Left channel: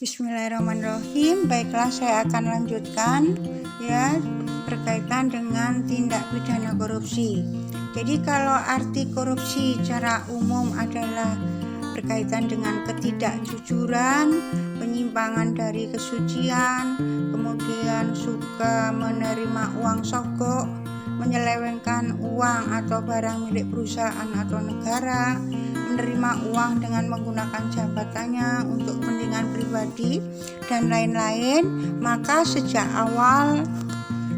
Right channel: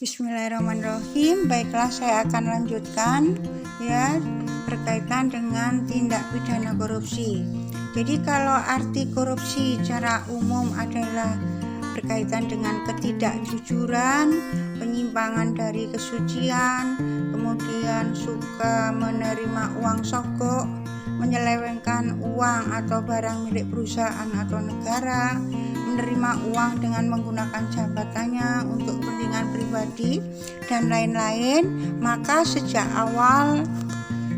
Bismillahirrahmanirrahim. Baiklah, saya akan lanjutkan ya berkaitan dengan tindak pidana korupsi. Jadi kalau arti korupsi secara umum adalah berkaitan dengan ketidakjujuran, penyimpangan dari kesucian, kemudian suka menerima uang sogok, menyelewengkan uang atau barang milik perusahaan atau negara, menerima uang dengan menggunakan jabatannya untuk kepentingan pribadi dan lain-lain. Maka sejak awal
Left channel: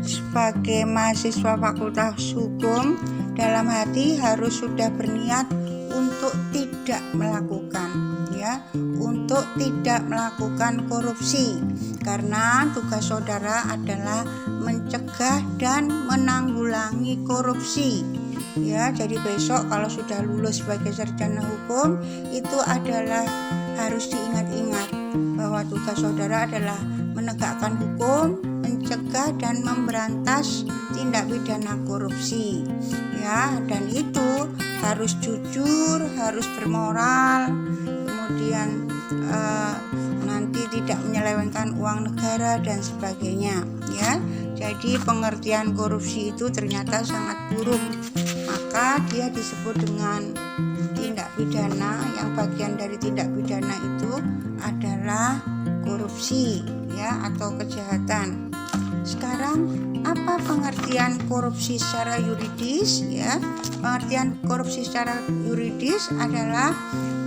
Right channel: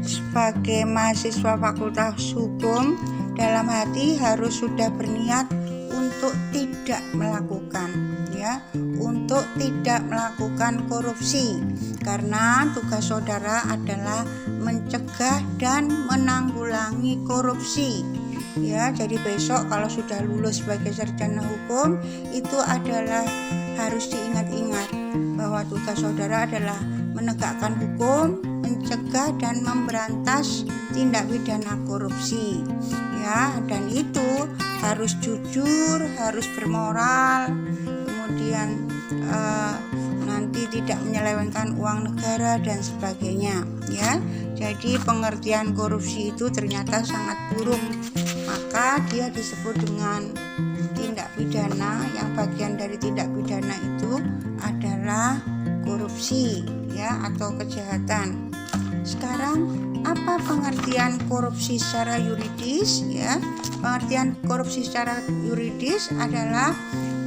sebagai mahasiswa Fakultas Hukum, dalam hati harus sudah berniat untuk tidak melakukan untuk tidak melakukan korupsi, karena tugas saudara adalah mencegah dan menanggulangi korupsi. Jadi besok kalau sudah lulus sebagai sarjana hukum, itu adalah harus diingat-ingat bahwa tugas saudara adalah menegakkan hukum, mencegah dan memberantas tindak pidana korupsi. Dan itu harus jujur, harus bermoral, kemudian nanti tidak menyelewengkan uang negara dan sebagainya. Jadi pengertian korupsi itu ternyata sangat buruk. Maka dia disebut dengan tindak pidana, yang bagian dari tindak pidana itu adalah korupsi atau kejahatan. Sekarang apa pengertian korupsi secara yuridis? Pengertian korupsi secara yuridis adalah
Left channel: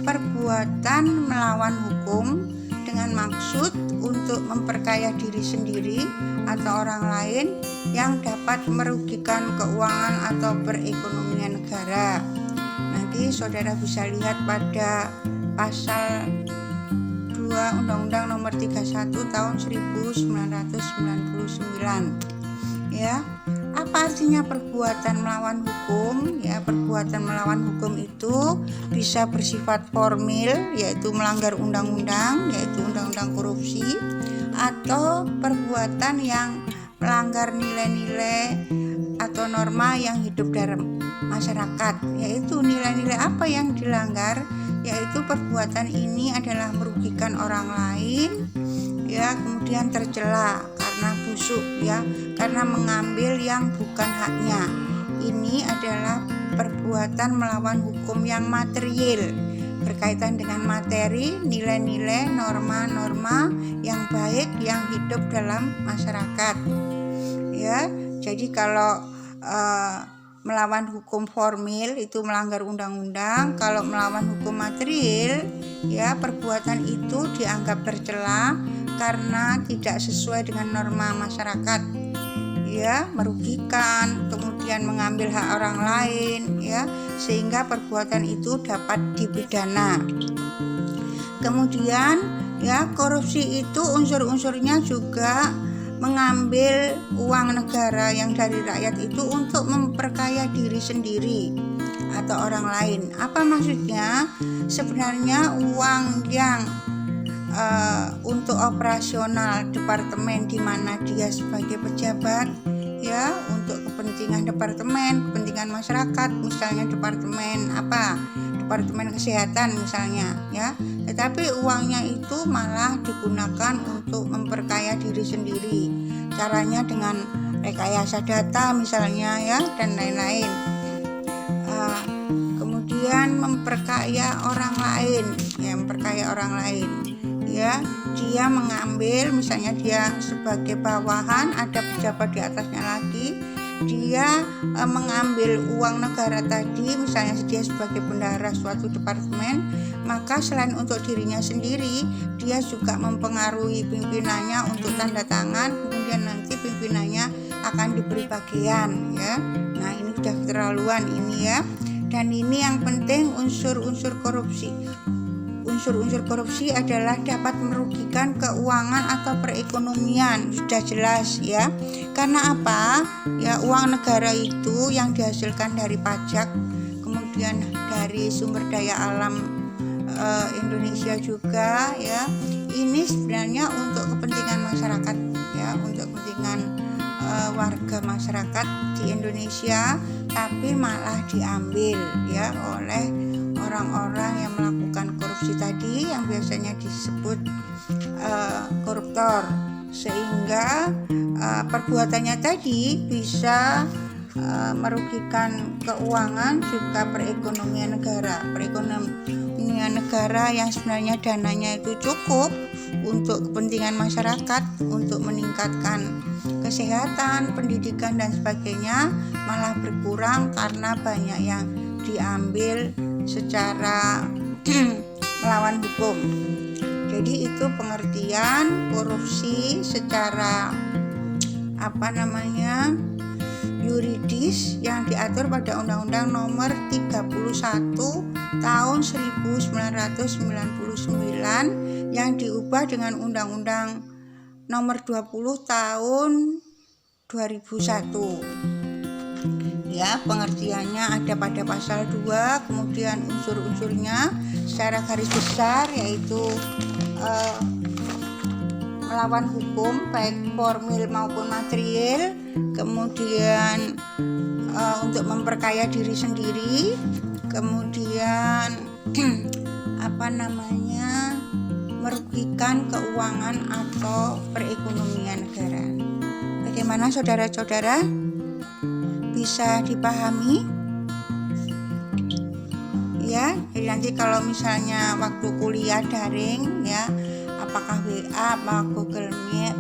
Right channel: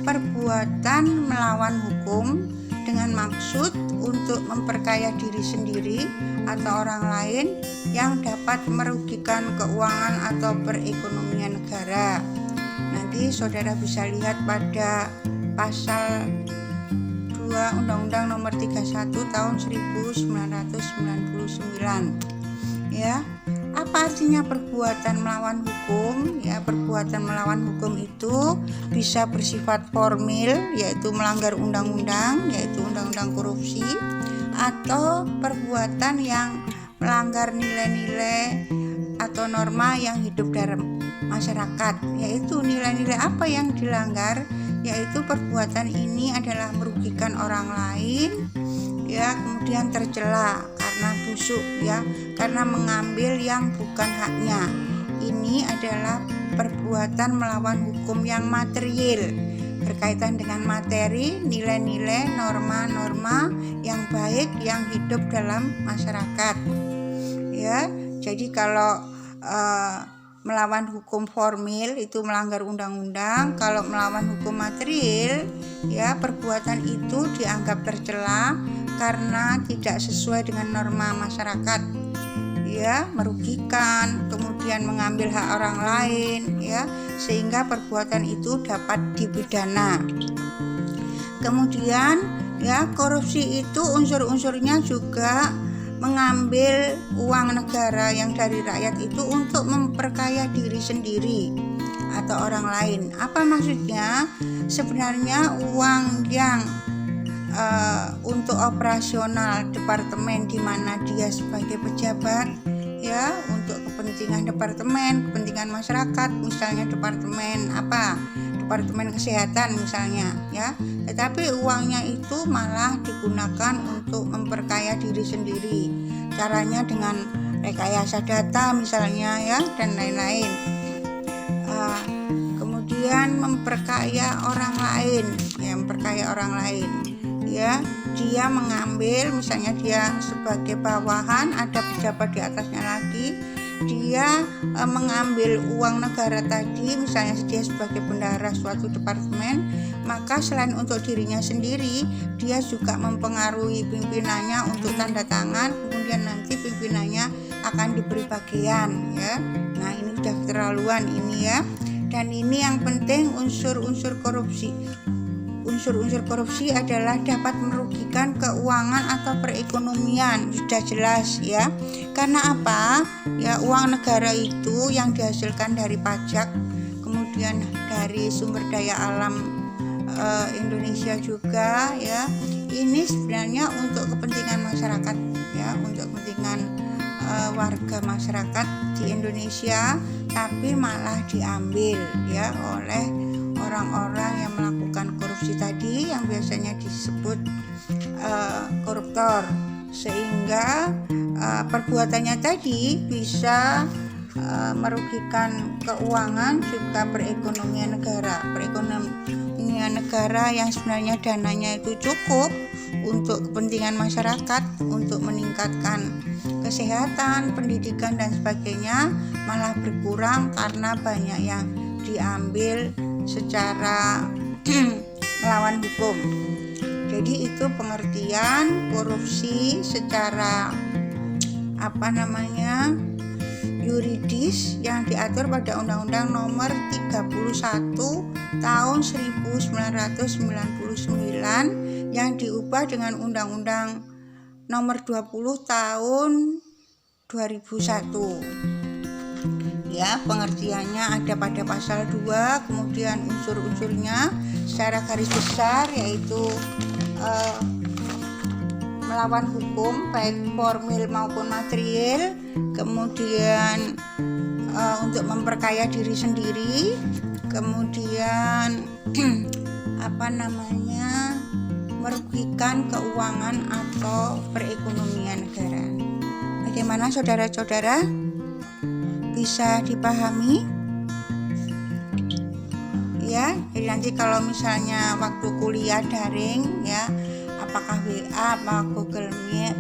perbuatan melawan hukum dengan maksud untuk memperkaya diri sendiri atau orang lain yang dapat merugikan keuangan atau perekonomian negara. Nanti saudara bisa lihat pada pasal 2 Undang-Undang Nomor 31 Tahun 1999. Apa artinya perbuatan melawan hukum? Perbuatan melawan hukum itu bisa bersifat formil, yaitu melanggar undang-undang, yaitu undang-undang korupsi, atau perbuatan yang melanggar nilai-nilai atau norma yang hidup dalam masyarakat. Yaitu nilai-nilai apa yang dilanggar? Yaitu perbuatan ini adalah merugikan orang lain, kemudian tercela karena busuk, karena mengambil yang bukan haknya. Ini adalah perbuatan melawan hukum yang material, berkaitan dengan materi, nilai-nilai, norma-norma yang baik yang hidup dalam masyarakat. Jadi kalau melawan hukum formil itu melanggar undang-undang. Kalau melawan hukum material, perbuatan itu dianggap tercela karena tidak sesuai dengan norma masyarakat, merugikan, kemudian mengambil hak orang lain, sehingga perbuatan itu dapat dipidana. Kemudian korupsi itu unsur-unsurnya juga mengambil uang negara yang dari rakyat itu untuk memperkaya diri sendiri atau orang lain. Apa maksudnya? Sebenarnya uang yang untuk operasional departemen di mana dia sebagai pejabat, untuk kepentingan departemen, kepentingan masyarakat, misalnya departemen kesehatan misalnya, tetapi uangnya itu malah digunakan untuk memperkaya diri sendiri. Caranya dengan rekayasa data misalnya, dan lain-lain. Kemudian memperkaya orang lain, dia mengambil, misalnya dia sebagai bawahan, ada pejabat di atasnya lagi, dia mengambil uang negara tadi, misalnya dia sebagai bendahara suatu departemen, maka selain untuk dirinya sendiri, dia juga mempengaruhi pimpinannya untuk tanda tangan, kemudian nanti pimpinannya akan diberi bagian. Nah, ini sudah keterlaluan ini, dan ini yang penting, unsur-unsur korupsi adalah dapat merugikan keuangan atau perekonomian, sudah jelas karena apa? Uang negara itu yang dihasilkan dari pajak, kemudian dari sumber daya alam Indonesia juga, ini sebenarnya untuk kepentingan masyarakat, untuk kepentingan warga masyarakat di Indonesia, tapi malah diambil oleh orang-orang yang melakukan korupsi tadi, yang biasanya disebut koruptor, sehingga perbuatannya tadi bisa merugikan keuangan juga perekonomian negara. Perekonomian negara yang sebenarnya dananya itu cukup untuk kepentingan masyarakat, untuk meningkatkan kesehatan, pendidikan dan sebagainya, malah berkurang karena banyak yang diambil secara melawan hukum. Jadi itu pengertian korupsi secara yuridis yang diatur pada Undang-Undang Nomor 31 Tahun 1999 yang diubah dengan Undang-Undang Nomor 20 Tahun 2001. Ya, pengertiannya ada pada pasal 2, kemudian unsur-unsurnya secara garis besar yaitu melawan hukum baik formil maupun material, kemudian untuk memperkaya diri sendiri, kemudian merugikan keuangan atau perekonomian negara. Bagaimana saudara-saudara? Bisa dipahami? Ya, jadi nanti kalau misalnya waktu kuliah daring ya, apakah WA, apa Google Meet,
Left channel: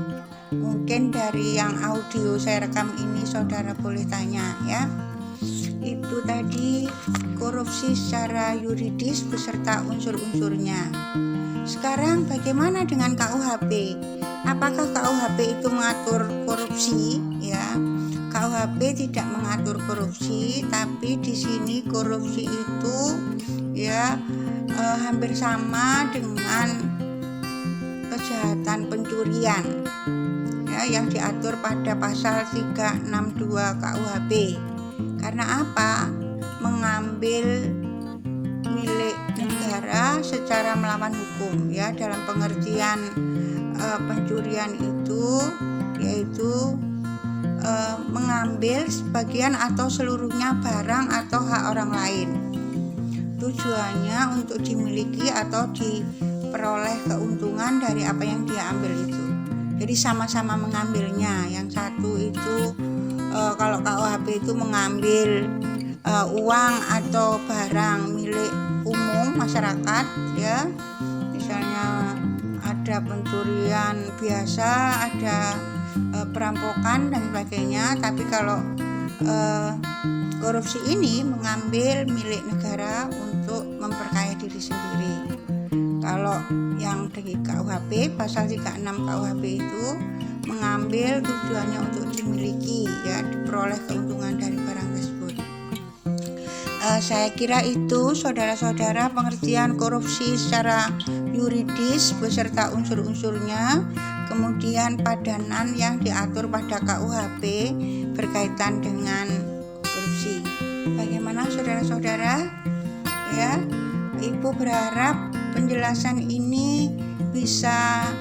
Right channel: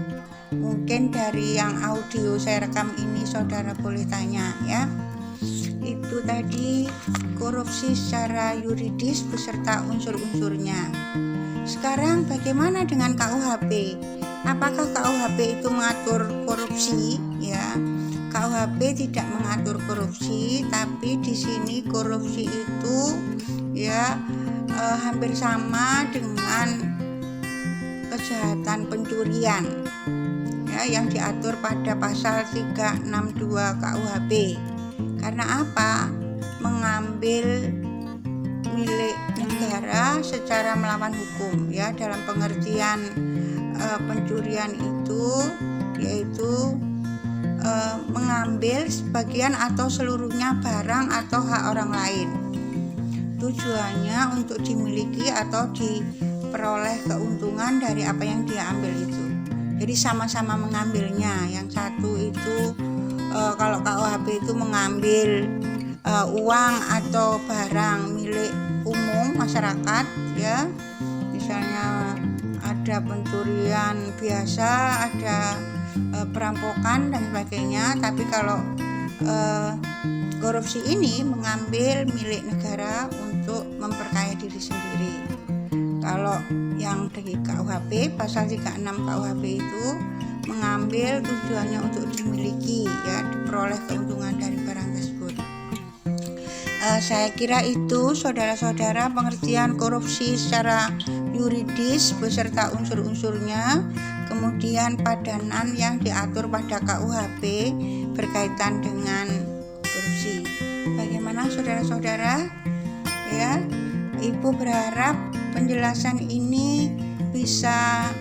mungkin dari yang audio saya rekam ini saudara boleh tanya ya. Itu tadi korupsi secara yuridis beserta unsur-unsurnya. Sekarang bagaimana dengan KUHP? Apakah KUHP itu mengatur korupsi? Ya, KUHP tidak mengatur korupsi, tapi di sini korupsi itu ya hampir sama dengan kejahatan pencurian ya, yang diatur pada pasal 362 KUHP. Karena apa? Mengambil milik negara secara melawan hukum ya, dalam pengertian pencurian itu yaitu mengambil sebagian atau seluruhnya barang atau hak orang lain, tujuannya untuk dimiliki atau diperoleh keuntungan dari apa yang dia ambil itu. Jadi sama-sama mengambilnya. Yang satu itu kalau KUHP itu mengambil uang atau barang milik umum masyarakat ya, misalnya ada pencurian biasa, ada perampokan dan sebagainya. Tapi kalau korupsi ini mengambil milik negara untuk memperkaya diri sendiri. Kalau yang dari KUHP pasal 36 KUHP itu mengambil tujuannya untuk dimiliki ya, diperoleh keuntungan dari barang tersebut. Saya kira itu saudara-saudara pengertian korupsi secara yuridis beserta unsur-unsurnya, kemudian padanan yang diatur pada KUHP berkaitan dengan korupsi. Bagaimana saudara-saudara? Ya, Ibu berharap penjelasan ini bisa